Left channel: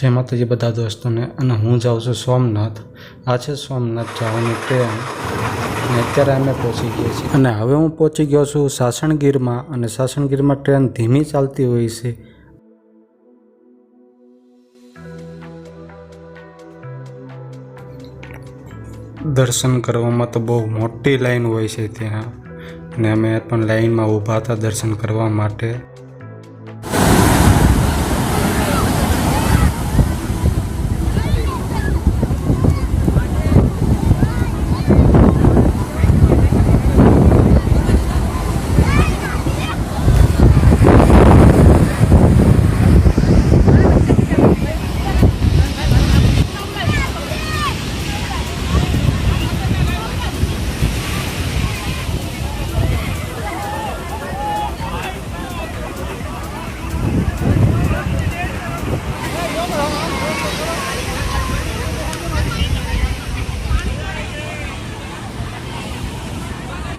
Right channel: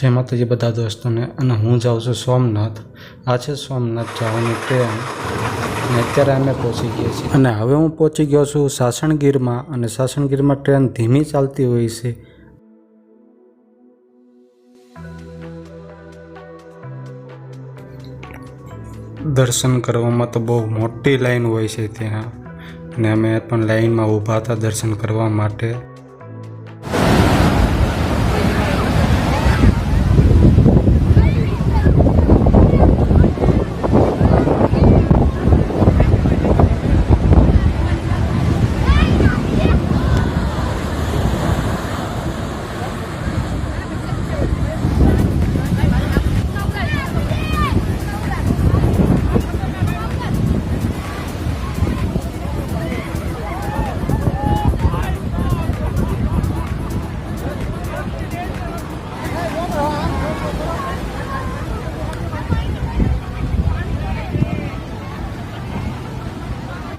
જય માતાજી બધા દોસ્તોને। અને હું જાઉં છું સોમનાથ। આ છે સોમનાથ જવાની ટ્રેન અને અત્યારે અમે પહોંચી ગયા છીએ અને હવે હું પહોંચી ગયો છું સાસણગીરમાં। અને સાસણગીરમાં ટ્રેન ધીમી ચાલતી હોય છે। દર્શન કરવામાં તો બહુ મોટી લાઈન હોય છે ત્યાં, અને અમે પણ લાઈનમાં ઊભા હતા દર્શન કરવા માટે।